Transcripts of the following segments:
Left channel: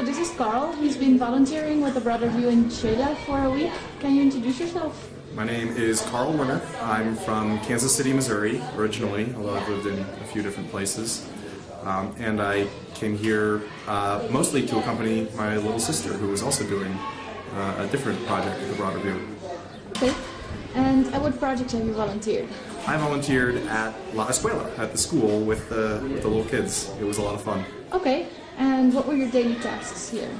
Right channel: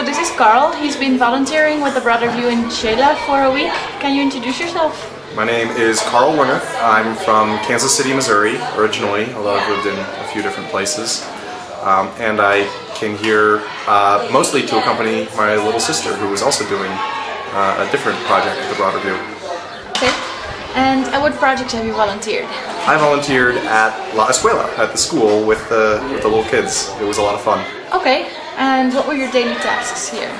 So this is Carl. He's been volunteering with the Brother View in Xela for a week. Can you introduce yourself? My name is Carl Werner. I'm from Kansas City, Missouri, originally, although I've lived in a few different places. And I came here mostly to accompany my little sister, who was also doing a different project with the Brother View. Okay. And at what project have you volunteered? I volunteered at La Escuela, at the school with the little kids. It was a lot of fun. Okay. And what were your daily tasks here?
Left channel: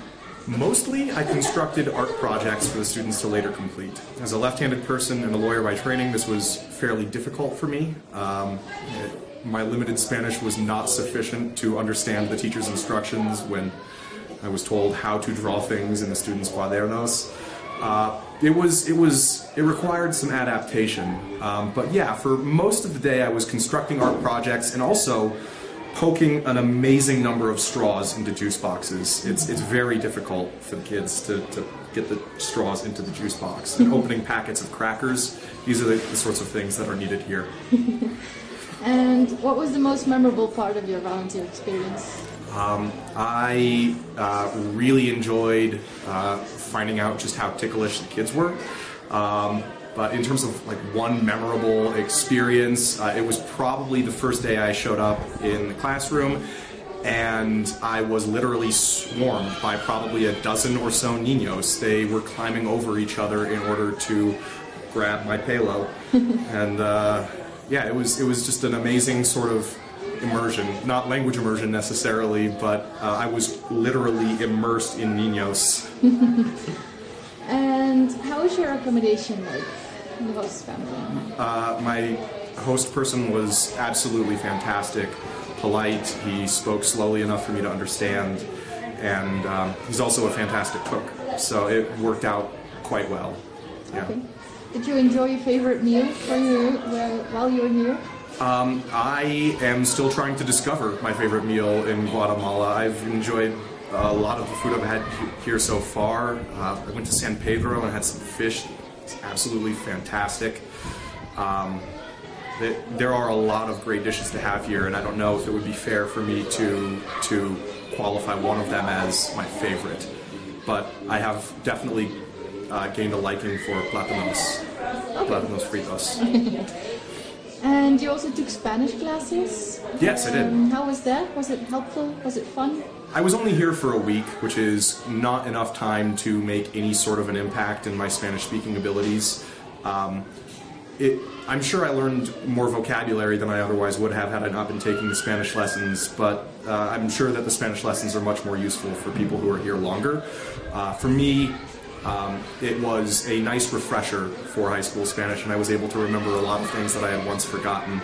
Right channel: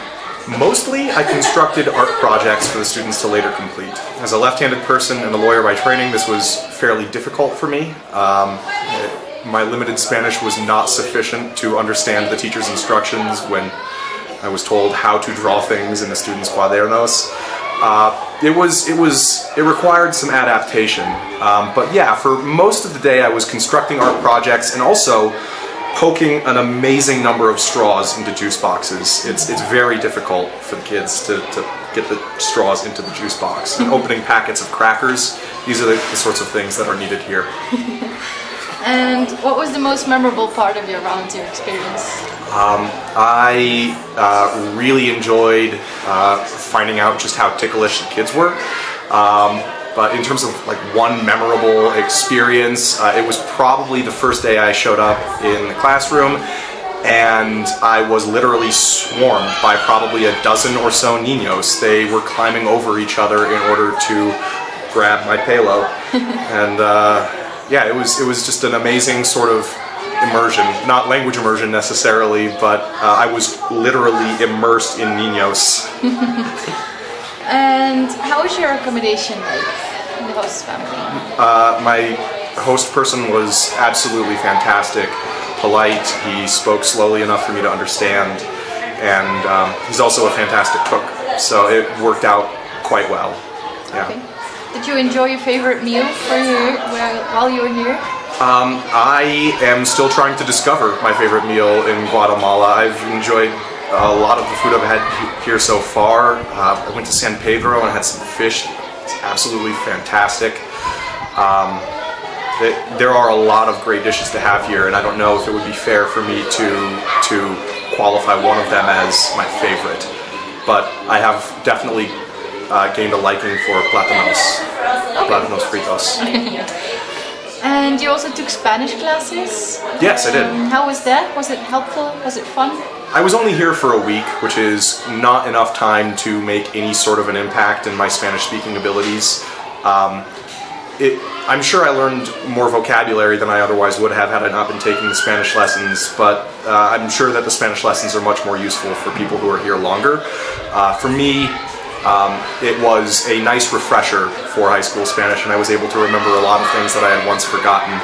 Mostly, I constructed art projects for the students to later complete. As a left-handed person and a lawyer by training, this was fairly difficult for me. My limited Spanish was not sufficient to understand the teacher's instructions when I was told how to draw things in the students' cuadernos. It required some adaptation. But yeah, for most of the day I was constructing art projects and also poking an amazing number of straws into juice boxes. It's very difficult for the kids to get the straws into the juice box. And opening packets of crackers, these are the sorts of things that are needed here. And what was the most memorable part of your volunteer experience? I really enjoyed finding out just how ticklish the kids were. But in terms of like one memorable experience, it was probably the first day I showed up in the classroom, and I was literally swarmed by probably a dozen or so niños. They were climbing over each other in order to grab my pelo, and yeah, it was just an amazing sort of immersion. Not language immersion necessarily, but I was literally immersed in niños. And how was your accommodation like in the host family? My host person was absolutely fantastic, polite, he spoke slowly enough for me to understand, and he's also a fantastic cook, so it worked out quite well. Yeah. Okay. Did you enjoy your favorite meal while you were here? I am still trying to discover my favorite meal in Guatemala. I've enjoyed a lot of the food I've had here so far. I went to San Pedro and had some fish. It's absolutely fantastic. There are a lot of great dishes to have here, and I don't know if it would be fair for me to qualify one of them as my favorite. But I have definitely gained a liking for plátanos, plátanos fritos. And you also took Spanish classes? Yes, I did. How was that? Was it helpful? Was it fun? I was only here for a week, which is not enough time to make any sort of an impact in my Spanish-speaking abilities. I'm sure I learned more vocabulary than I otherwise would have had I not been taking the Spanish lessons, but I'm sure that the Spanish lessons are much more useful for people who are here longer. For me, it was a nice refresher for high school Spanish, and I was able to remember a lot of things that I had once forgotten.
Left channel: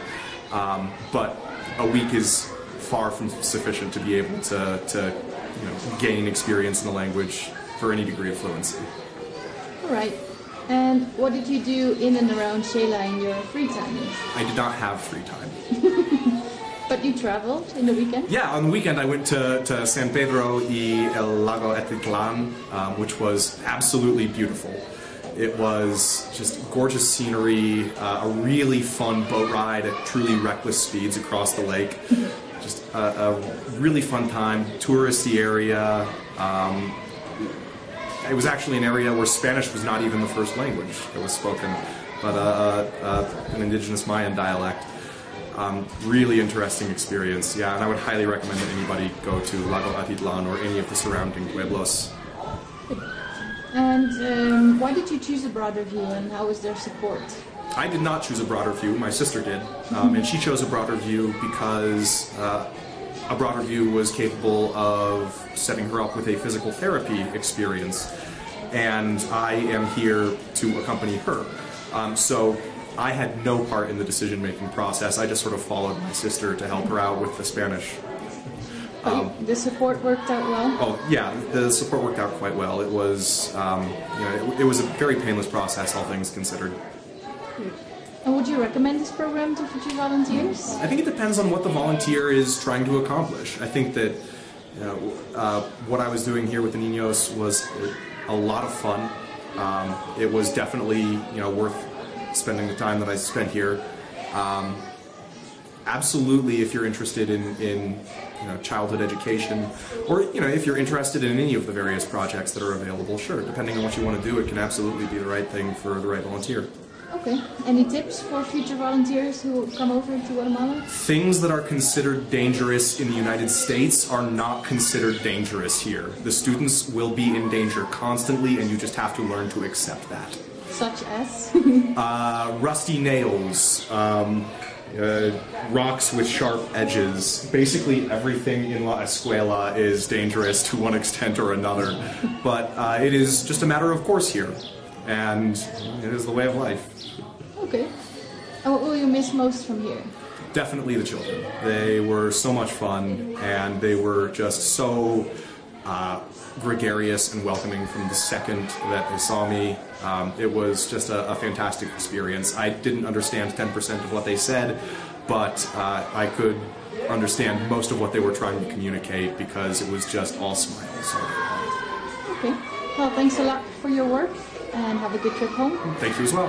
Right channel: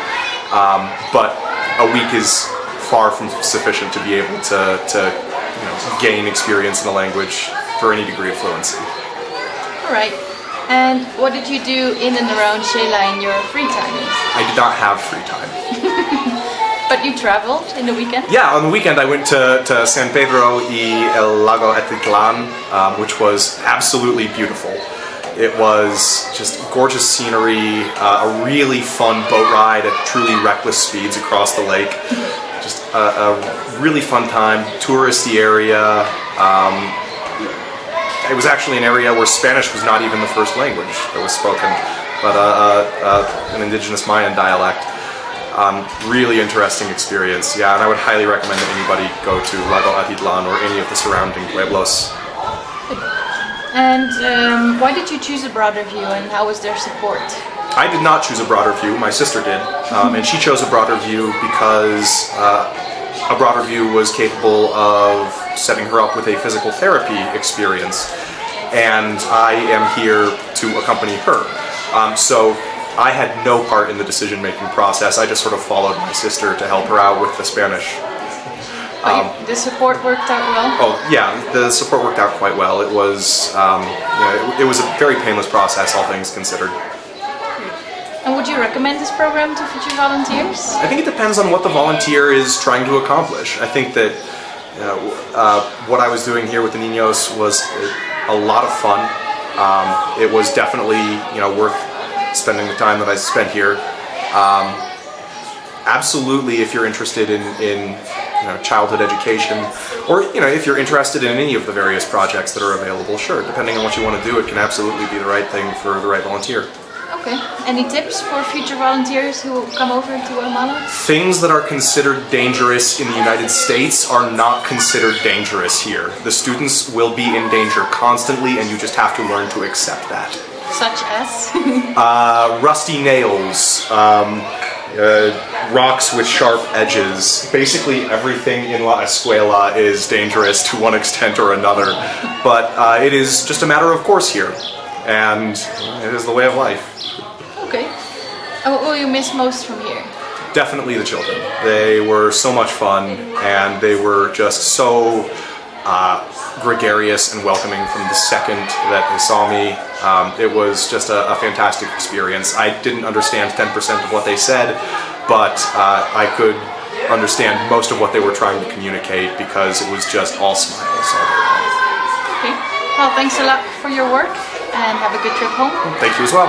But a week is far from sufficient to be able to gain experience in the language for any degree of fluency. All right. And what did you do in and around Xela in your free time? I did not have free time. But you traveled in the weekend? Yeah, on the weekend I went to San Pedro y el Lago Etitlán, which was absolutely beautiful. It was just gorgeous scenery, a really fun boat ride at truly reckless speeds across the lake. Just a really fun time, touristy area. It was actually an area where Spanish was not even the first language that was spoken, but an indigenous Mayan dialect. Really interesting experience, yeah, and I would highly recommend that anybody go to Lago Atitlán or any of the surrounding pueblos. And why did you choose a Brother View, and how was their support? I did not choose a Brother View, my sister did, and she chose a Brother View because a Brother View was capable of setting her up with a physical therapy experience, and I am here to accompany her. So I had no part in the decision-making process. I just sort of followed my sister to help her out with the Spanish. The support worked out well? Oh yeah, the support worked out quite well. It was, it was a very painless process, all things considered. And would you recommend this program to future volunteers? I think it depends on what the volunteer is trying to accomplish. I think that what I was doing here with the niños was a lot of fun. It was definitely worth spending the time that I spent here. Absolutely, if you're interested in childhood education, or if you're interested in any of the various projects that are available, sure, depending on what you want to do, it can absolutely be the right thing for the right volunteer. Okay. Any tips for future volunteers who come over to Guatemala? Things that are considered dangerous in the United States are not considered dangerous here. The students will be in danger constantly, and you just have to learn to accept that. Such as? Rusty nails, rocks with sharp edges. Basically everything in La Escuela is dangerous to one extent or another, but it is just a matter of course here, and it is the way of life. Okay. And what will you miss most from here? Definitely the children. They were so much fun, and they were just so gregarious and welcoming from the second that they saw me. It was just a fantastic experience. I didn't understand 10% of what they said, but I could understand most of what they were trying to communicate because it was just all smiles all day long. Okay. Well, thanks a lot for your work, and have a good trip home. Thank you as well.